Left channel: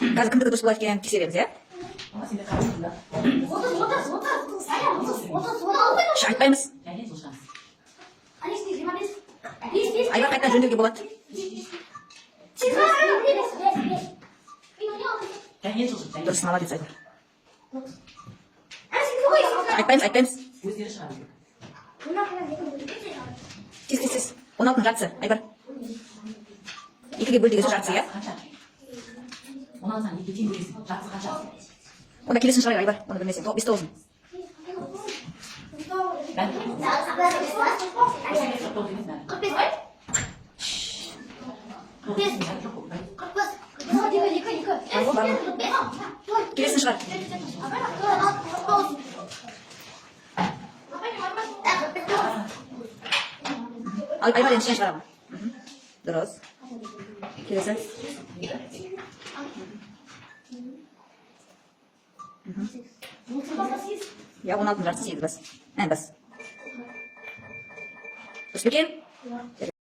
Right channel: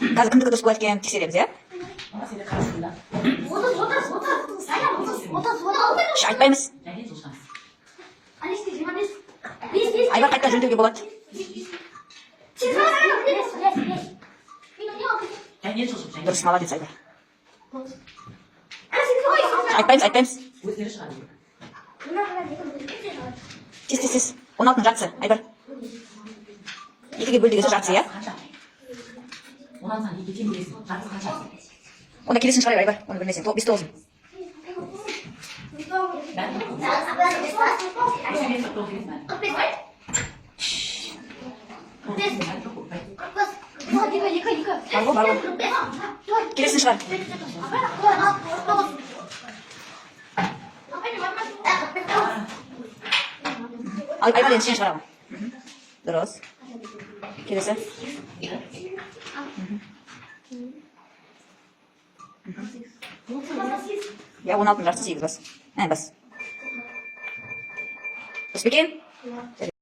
Gazı kındıkı dostu başlayan tekseremiz ya. Aytpaymiz. Aybar qaytadan jönдөөгө болот. Дұрыс, молодец, Айдар. Айтпаймыз. Тез. 16-ның жартысы, Айдар. 2-ге бөл деген сөз жартысы, иә? 16-дан 2-ге тең бөлесің, жартысы қанша? Онда келесің шығар, Айдар, оны білмесең. 5-9. Бар. Келесің шығар. Айдар енді сен шығарама. Дұрыс. Келесі. Я 16-ның жартысы 8 бас. Бас. Дұрыс па екен?